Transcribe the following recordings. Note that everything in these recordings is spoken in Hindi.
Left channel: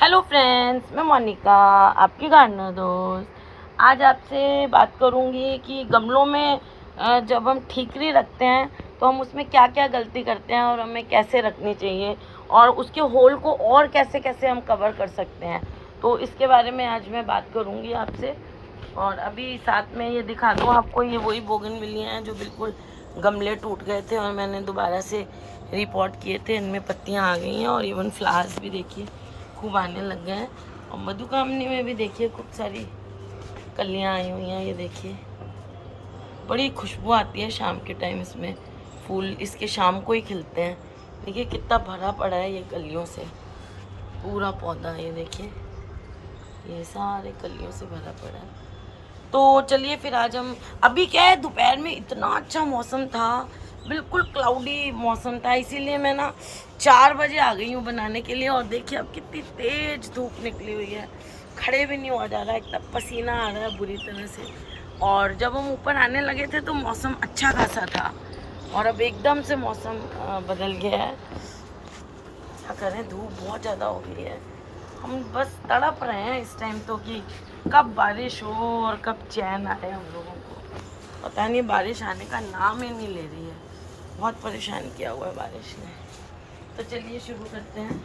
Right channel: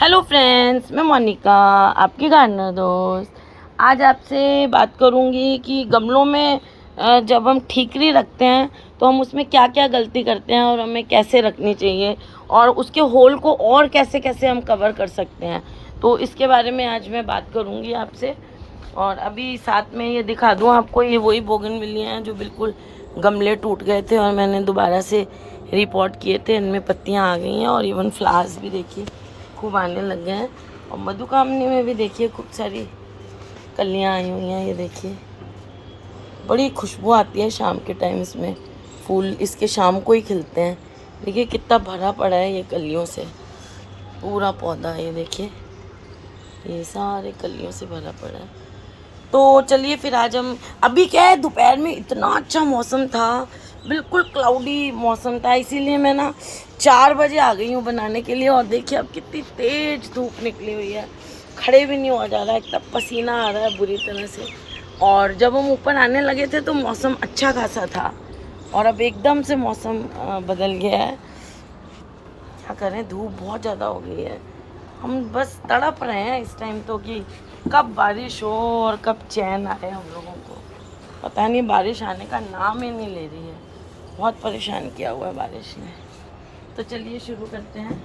हेलो फ्रेंड्स, मैं मोनिका, आपकी गार्डनर दोस्त। आज आपसे बात करूंगी कि गमलों में जब हम ठीकरी रखते हैं तो हम उसमें क्या क्या गलती करते हैं और हमें कैसे रखनी चाहिए और उसके होल को और कैसे कैसे हम कवर कर सकते हैं। तो इसके बारे में आज मैं बात करूंगी आपसे। और अभी साथ में ये दिखा दूँ आपको, ये वही बोगनविलिया हैं जो बिल्कुल गमले टूट गए थे और मैंने दोबारा से रिपोर्ट किए थे। इनमें पत्तियाँ आ गई हैं और इवन फ्लावर्स भी देखिए खूब आने लग गए हैं। और मधुकामनी में भी देखिए खूब सारी कलियां आई हुई हैं। ये देखिए बड़ी खुशबू आती है शाम के टाइम, इसमें फूल इसके शाम को ही खिलते हैं। देखिए कितना भरा पड़ा है ये कलियों से, पूरा पौधा ये देखिए, ये सारे कलियों से भरा पड़ा है। तो चलिए फिर आज हम, अभी क्या है, दोपहर में इतना अच्छा मौसम था, बिल्कुल क्लाउडी मौसम था, इसीलिए मैं ना 4 बजे आ गई हूँ बनाने के लिए। और देखिए अब कितनी तेज धूप निकली हुई है, खड़े भी नहीं हो जा रहा है, एकदम पसीना आ रहा है बुरी तरह से। और जब हम ऊपर आने लगे थे तो मौसम अच्छा खासा था और अब एकदम से मौसम बदल गया है। क्या करें, धूप बहुत ज़्यादा हो गई है। हम बस तड़प रहे हैं इस टाइम तो कि कब बारिश हो और कब चैन आए। हम लोगों को पता नहीं, बारिश आने का नाम ही नहीं ले रही है। बहुत परेशान किया हुआ है बारिश ने। तो चलिए शुरू करते हैं।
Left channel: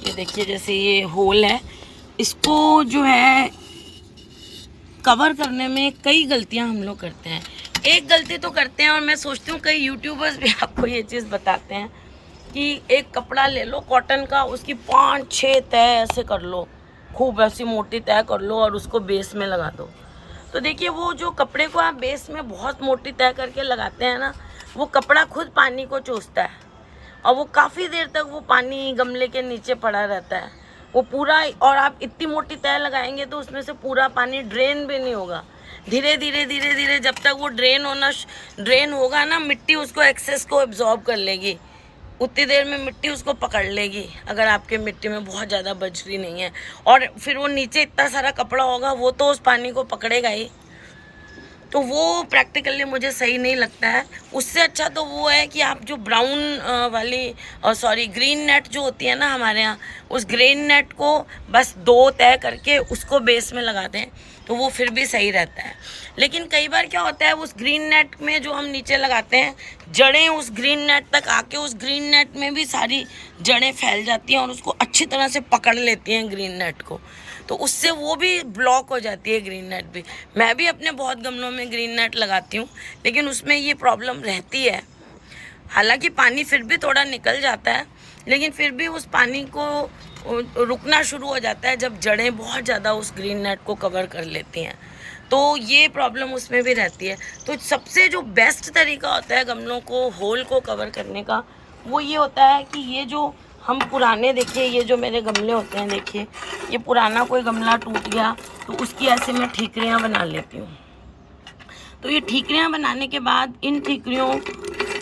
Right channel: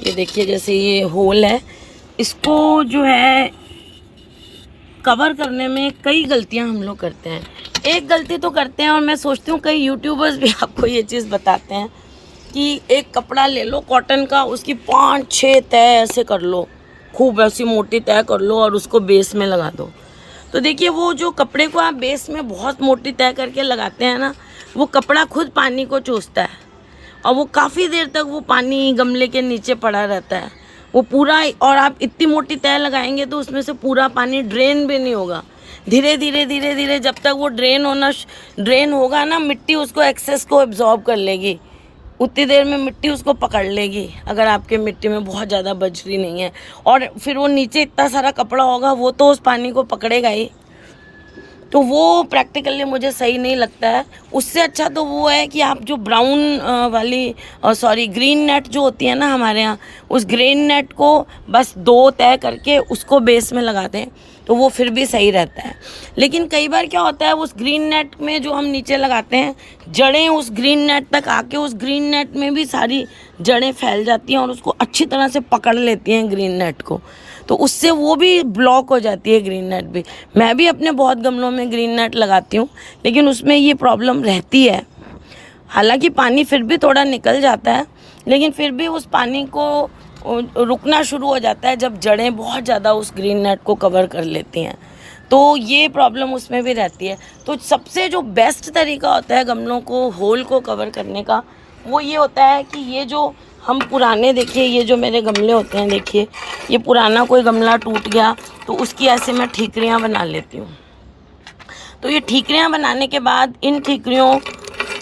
ये देखिए जैसे ये होल है, इसको जो है कवर करने में कई गलतियां हम लोग करते हैं। एक गलती तो करते हैं और मैं सोचती हूँ कई यूट्यूबर्स भी आपको ये चीज़ बताते हैं कि एक कपड़ा ले लो कॉटन का, उसकी 5-6 तय ऐसे कर लो, खूब ऐसी मोटी तय कर लो और उसको बेस में लगा दो। तो देखिए वो जो कपड़े को आप बेस में बहुत मोटी तय करके लगाते हैं ना, वो कपड़ा खुद पानी को चूसता है और वो काफ़ी देर तक वो पानी गमले के नीचे पड़ा रहता है, वो पूरा। और आप इतनी मोटी तय लगाएंगे तो उसमें से पूरा पानी ड्रेन भी नहीं होगा। धीरे धीरे धीरे धीरे जब तक वो ड्रेन होगा ना, मिट्टी उसको एक्सेस को एब्जॉर्ब कर लेगी, उतनी देर में मिट्टी उसको पकड़ लेगी, अगर आपके मिट्टी में बहुत ज़्यादा बजरी नहीं है। और फिर वो नीचे इतना सारा कपड़ा होगा, वो तो उस पानी को पकड़ेगा ही। तो वो प्रैक्टिकली मुझे सही नहीं लगता है। उससे अच्छा तो वो है कि आप जो ब्राउन वाली ग्रीन नेट जो होती है ना हमारे यहाँ, उस ग्रीन नेट को बस 2 तय करके उसको बेस में लगाते हैं तो वो फिर भी सही रहता है। लेकिन कई बार क्या होता है, उस ग्रीन नेट में जो हम नीचे लगाते हैं, जड़ें उस ग्रीन नेट तक आके उस ग्रीन नेट में भी सारी जड़ें फैल जाती हैं और उसको अच्छी तरह से पकड़ लेती हैं ग्रीन नेट को। तो उससे वो भी ब्लॉक हो जाती है ग्रीन नेट भी। मैं भी अपने बहुत गमलों में ग्रीन नेट लगाती हूँ, लेकिन उसमें ये प्रॉब्लम रहती है। हालांकि पानी फिर भी थोड़ा निकल जाता है, लेकिन फिर भी उस पानी को रुकना शुरू हो जाता है जब जड़ें बहुत ज़्यादा उस ग्रीन नेट को कवर कर लेती हैं। तो ये प्रॉब्लम उसमें भी रहती है। तो सबसे जो बेस्ट तरीका होता है गमलों को होल को कवर करने का, वो ये होता है कि ये जो हम पुराने, देखिए ये जो मेरे गमले होते हैं, देखिए ये पुराना कोई गमला टूट गया तो उसकी ऐसे मैं ठीकरियाँ बना लेती हूँ। तो ये ठीकरियाँ बनाने के बाद इन ठीकरियों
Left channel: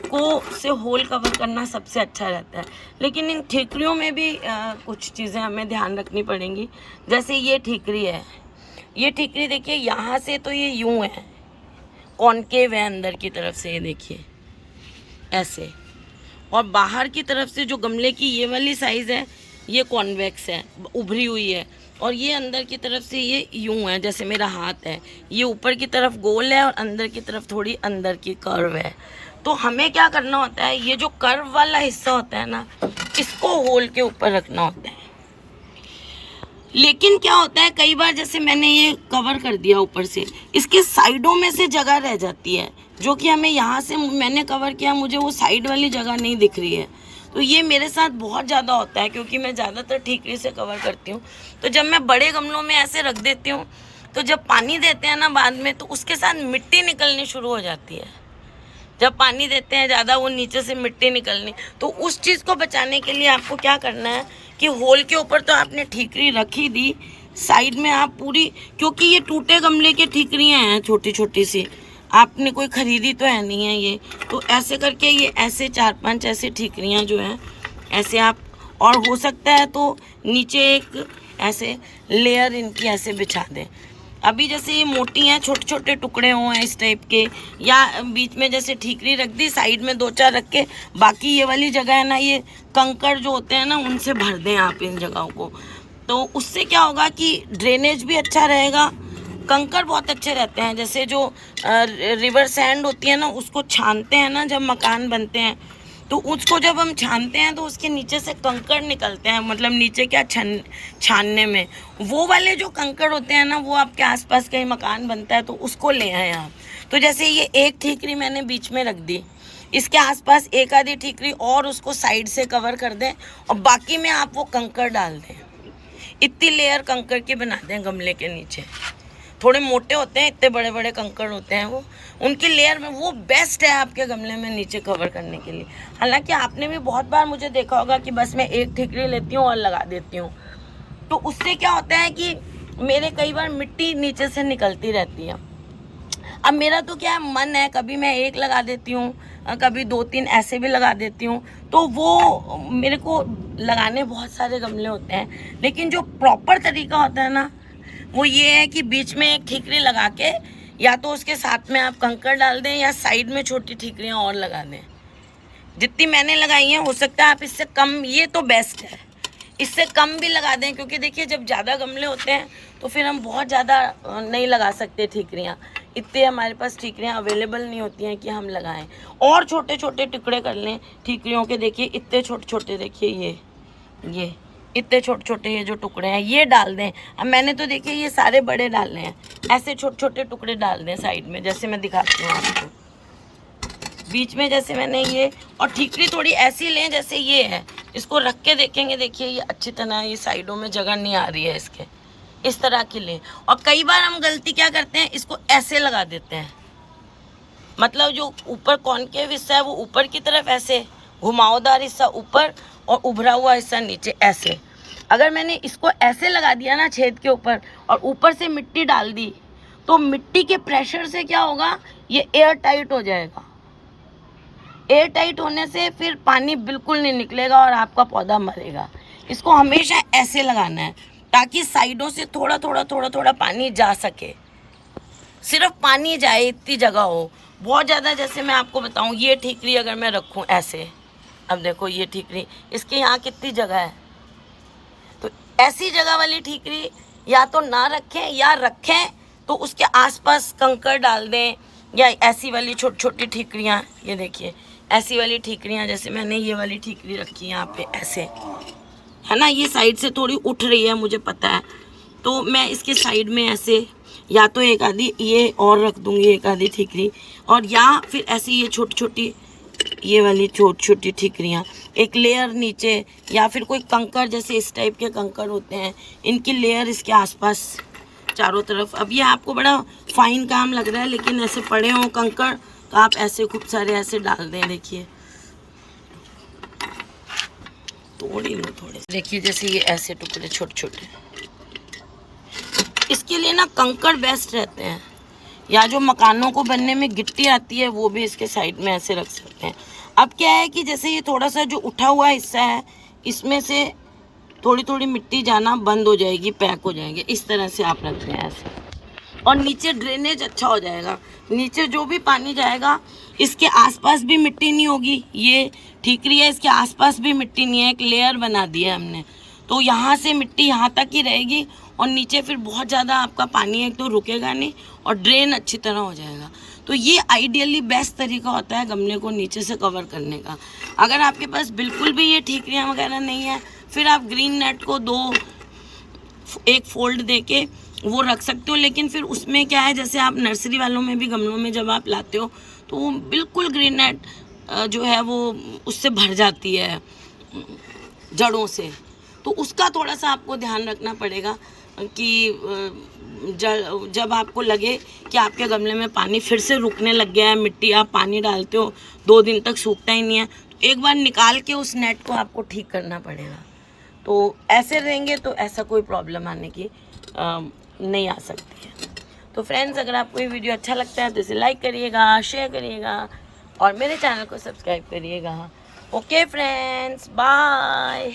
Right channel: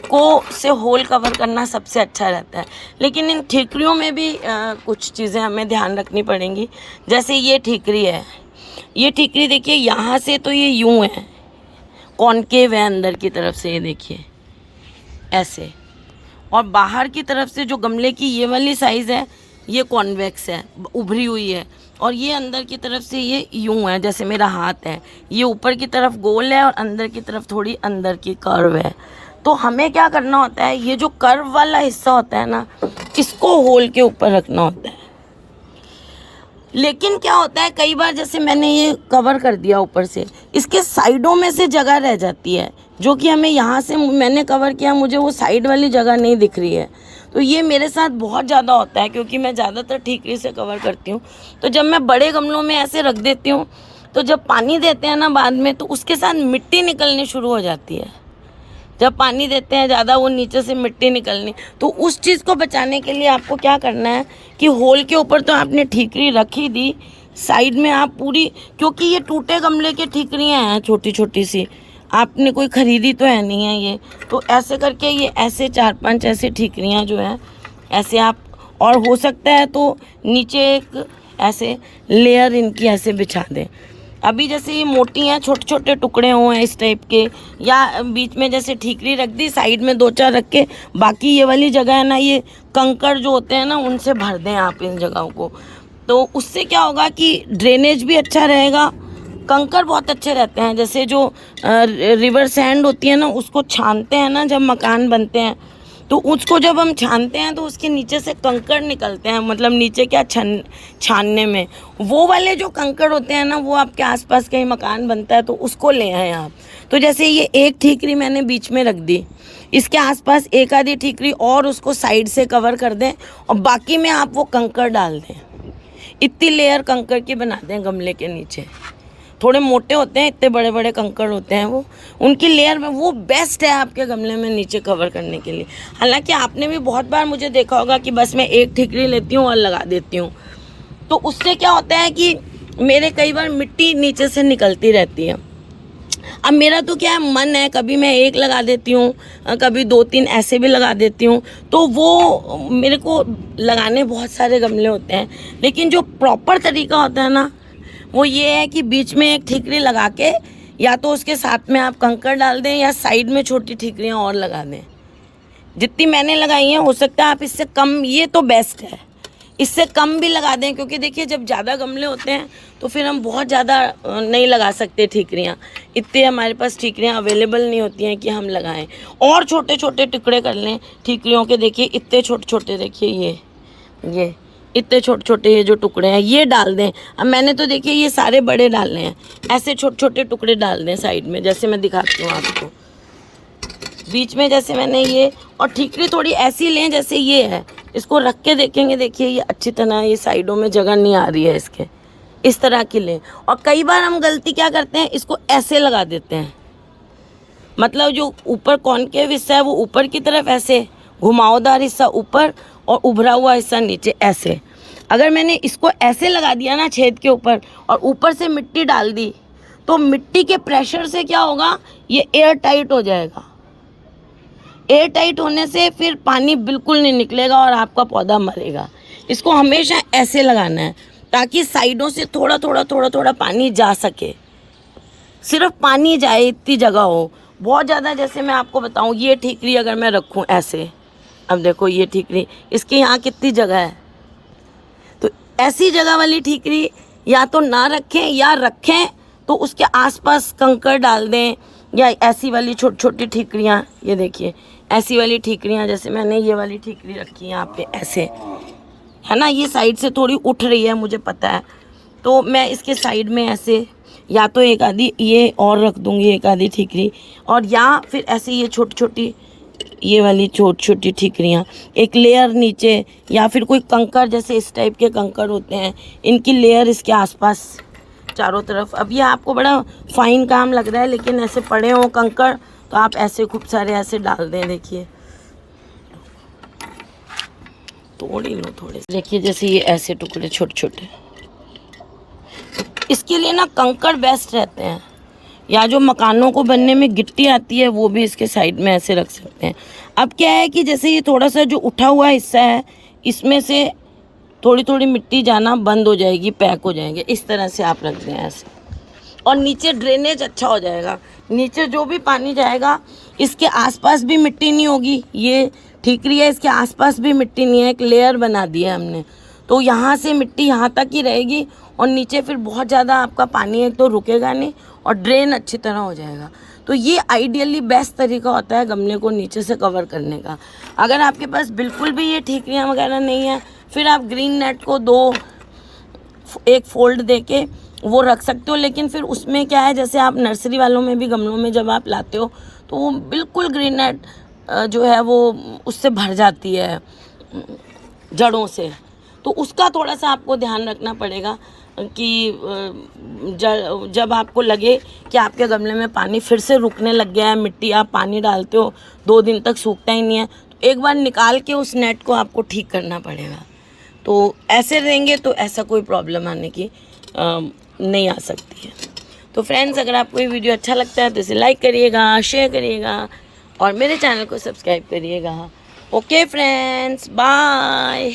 को से होल कवर करना सबसे अच्छा रहता है। लेकिन इन ठीकरियों में भी कुछ चीज़ें हमें ध्यान रखनी पड़ेंगी। जैसे ये ठीकरी है, ये ठीकरी देखिए यहाँ से तो ये यूं है, कॉनकेव है अंदर की तरफ से, ये देखिए ऐसे। और बाहर की तरफ से जो गमले की ये वाली साइज़ है, ये कॉन्वेक्स है, उभरी हुई है। और ये अंदर की तरफ से ये यूं है, जैसे मेरा हाथ है, ये ऊपर की तरफ गोल है और अंदर की तरफ थोड़ी अंदर की कर्व है। तो हमें क्या करना होता है, ये जो कर्व वाला हिस्सा होता है ना, इसको होल के ऊपर रखना होता है। लेकिन क्या होता है, कई बार जैसे मैंने ये कवर कर दिया ऊपर से, इसके साइडों में से जगह रह जाती है, जो कि हमें यहाँ से मैंने कवर किया, मुझे वो साइड वाली जगह नहीं दिख रही है। तो ये मेरे साथ बहुत ज़्यादा होता है, क्योंकि मैं ज़्यादातर ठीकरी से कवर करती हूँ। तो जब मैं बड़े गमलों में ऐसे रख देती हूँ, तो जब पानी देते हैं ना बाद में, तो उसके साथ मिट्टी निकलनी शुरू हो जाती है। जब पानी देते हैं ज़्यादा, वो नीचे से मिट्टी निकलनी। तो उस चीज़ को बचाने के लिए आपको क्या करना है कि होल के ऊपर तो आपने ठीकरी रखी दी, साइड में आप पूरी, क्योंकि ये टूटे गमले की ठीकरियाँ हैं छोटी छोटी सी, आपने कोई ख़रीदी तो है नहीं है ये, तो ऐसे करके ये ऐसे 4-5 ऐसे ठीकरियाँ जो हैं ऐसे आप, और हो सकता है तो नीचे एक ऐसे लेयर इनकी ऐसे बिछा दें। अभी जैसे ये मोटी हैं, छोटे छोटे टुकड़े हुए इस टाइप के, या बीच में जैसे ठीकरी रख दी, साइड में 2-4 रख के, बाकी ये वाली जगह है ना, ये कंकड़ जो होते हैं ना उनसे भर दें आप इन जगहों को। तो उससे क्या होगा कि ड्रेनेज भी अच्छा रहेगा, कंकड़ बहुत अच्छे रहते हैं। जैसे जो रिवर सैंड होती है ना, उसको छानते हैं ना जब मकान बनते हैं, तो उसको जब हम छानते हैं तो उसके नीचे से कंकड़ निकलते हैं, मतलब नीचे क्या छानने में वो वाले जो कंकड़ होते हैं ना, वो आपके आसपास कहीं मकान बनता है तो उसको ले आए आप। तो जैसे ये एक ठीकरी मैंने बीच में रख दी, इसके आसपास एक आधी ठीकरी और उसको साइड से कवर कर दें, और बाकी में आप वो कंकड़ डाल दें। इतनी लेयर कंकड़ की बना दें गमले के नीचे। थोड़े मोटे होते हैं, इतने बड़े बड़े कंकड़ होते हैं वो, उनकी लेयर में वो बेस्ट है आपके गमले में नीचे कवर करने के लिए। हालांकि आपने भी बहुत बार मुझे देखा होगा कि बस मैं एक ठीकरी लेती हूँ और लगा देती हूँ, तो उससे क्या होता है कि मेरे कई बार मिट्टी नीचे से निकलती रहती है। अब मेरा तो क्या है, मन है, कभी मैं एक लगा देती हूँ, कभी 2-3 ऐसे भी लगा देती हूँ। तो वो मेरे को लगाने बहुत सारे गमले होते हैं, लेकिन जो प्रॉपर तरीका होता है ना, वो ये है कि बीच में एक ठीकरी लगा के, या तो उसके साथ में आप कंकड़ डाल दें, या साइड में छोटी ठीकरियाँ और लगा दें। जितनी मैंने लगाई हैं, हो सकता है आप इससे कम, ये तो बेस्ट है, इससे कम भी लगा दें, क्योंकि देखिए जब ज़्यादा गमले होते हैं तो फिर हम बहुत ज़्यादा नहीं लगा सकते ठीकरियाँ, इतने हमारे पास ठीकरियाँ अवेलेबल नहीं होती हैं कि हम लगाएं। और छोटे छोटे टुकड़े कर लें ठीकरियों के, देखिए इतने छोटे छोटे, देखिए ये इतने छोटे छोटे ये जो टुकड़े हैं ये डाल दें। अब मैंने तो देखिए ये सारे बड़े डालने हैं, ऐसे छोटे छोटे टुकड़े डाल दें साइड में, जैसे मैं दिखाती हूँ आपको। बीच में जैसे मैंने ये, और ठीकरी थोड़ी ऐसी लें जैसे ये है, इसको रख के देखेंगे, देखिए ये अच्छी तरह ये साइडों में जगह नहीं आ रही है इसके, इस तरह की लें। और कई बार हम गलती क्या करते हैं, इसको ऐसे लगा देते हैं, मतलब जो ऊपर कॉनकेव हिस्सा है वो ऊपर की तरफ ऐसे, घुमावदार हिस्सा ऊपर और उभरा हुआ हिस्सा नीचे ऐसे। अगर मैंने इसको ऐसे लगा दिया ना छेद के ऊपर, और ऊपर से मिट्टी डाल दी, तो मिट्टी के प्रेशर से क्या होगा, ये एयर टाइट हो जाएगा। एयर टाइट होने से फिर पानी बिल्कुल नहीं निकलेगा और आपका पौधा मरेगा। इसको हमेशा ऐसे लगाना है, ताकि साइडों से थोड़ा थोड़ा पानी जा सके, सिर्फ पानी जाए, इतनी जगह हो। बहुत ज़्यादा, जैसे मैं आपको बताऊं, ये ठीकरी अगर मैं रखूं ऐसे, अब देखो ये ठीकरी, इसके यहाँ कितनी जगह है, तो ऐसी जगह वाली ठीकरी या तो ना रखें, या रखें तो उसके आसपास कंकड़ डाल दें, या ऐसी वाली छोटी छोटी ठीकरियाँ, ये देखिए ऐसी वाली ठीकरियाँ, जैसे मैंने ये वाली ठीकरी रखी है यहाँ पे ऐसे, है ना, ये साइड से थोड़ी उठ रही है मुझे पता है, तो मैं इसके साइड में ऐसे, या तो एक आधी ये और रख दूँगी, एक आधी ठीकरी, और या फिर ऐसे ये छोटी छोटी, ये वाली छोटी छोटी ठीकरियाँ एक लेयर नीचे, या फिर कोई कंकड़, जैसे इस टाइप के कंकड़ होते हैं, इनकी लेयर इसके आसपास चारों तरफ। अब ये आपको बड़ा फाइन काम लग रहा है, लेकिन ऐसे पड़े हों कंकड़ तो आप ऐसे खूब सारे ऐसे डाल दें, देखिए तोड़ ही लो थोड़े, देखिए जैसे ये ऐसे टुकड़े छोटे छोटे। इसके लिए ना कंकड़ बेस्ट रहते हैं, या जो मकानों को बनने में गिट्टी आती है वो भी इसके साइड में ऐसे रख सकते हैं। अब क्या है कि जैसे ये थोड़ा सा जो उठा हुआ हिस्सा है, इसमें से थोड़ी थोड़ी मिट्टी जाना बंद हो जाएगी, पैक हो जाएंगे, इस तरह से आप रख दें ऐसे, और नीचे ड्रेनेज अच्छा हो जाएगा। नीचे जो भी पानी जाएगा, इसके आसपास भी मिट्टी नहीं होगी, ये ठीकरी है, इसके आसपास भी मिट्टी नहीं है, एक लेयर बना दिया हमने, तो यहाँ से मिट्टी यहाँ तक ही रहेगी, और नीचे फिर बहुत ज़्यादा आपका पानी एक तो रुकेगा नहीं, और ड्रेन अच्छी तरह हो जाएगा। तो ये आइडियली बेस्ट तरीका होता है गमले को नीचे से कवर करने का। अगर आपके पास बिल्कुल भी ये ठीकरियाँ वगैरह नहीं है, फिर आप ग्रीन नेट को एक फोल्ड देके वो रख सकते हो। लेकिन फिर उसमें क्या है, जैसे आप नर्सरी वालों में भी गमलों में जब आप लाते हो, तो वो बिल्कुल ग्रीन नेट जो है वो उससे भर जाती है जड़ों से, तो उसका थोड़ा सा आपको ध्यान रखना पड़ेगा कि जब आपको लगे कि आपके गमले में पानी फिर से रुकने लग गया है, मिट्टी आप पानी डालते हो 2 दिन तक सूखता ही नहीं है, तो एक बार निकाल के उस नेट को आपको ठीक करना पड़ेगा। तो ऐसे रहेंगे तो ऐसा कोई प्रॉब्लम आने की नहीं आ सकती है। तो फ्रेंड्स, अगर आपको ये वीडियो अच्छा लगता है तो इसे लाइक करिएगा, शेयर करिएगा, और मेरे चैनल को सब्सक्राइब करिएगा। Okay friends, bye.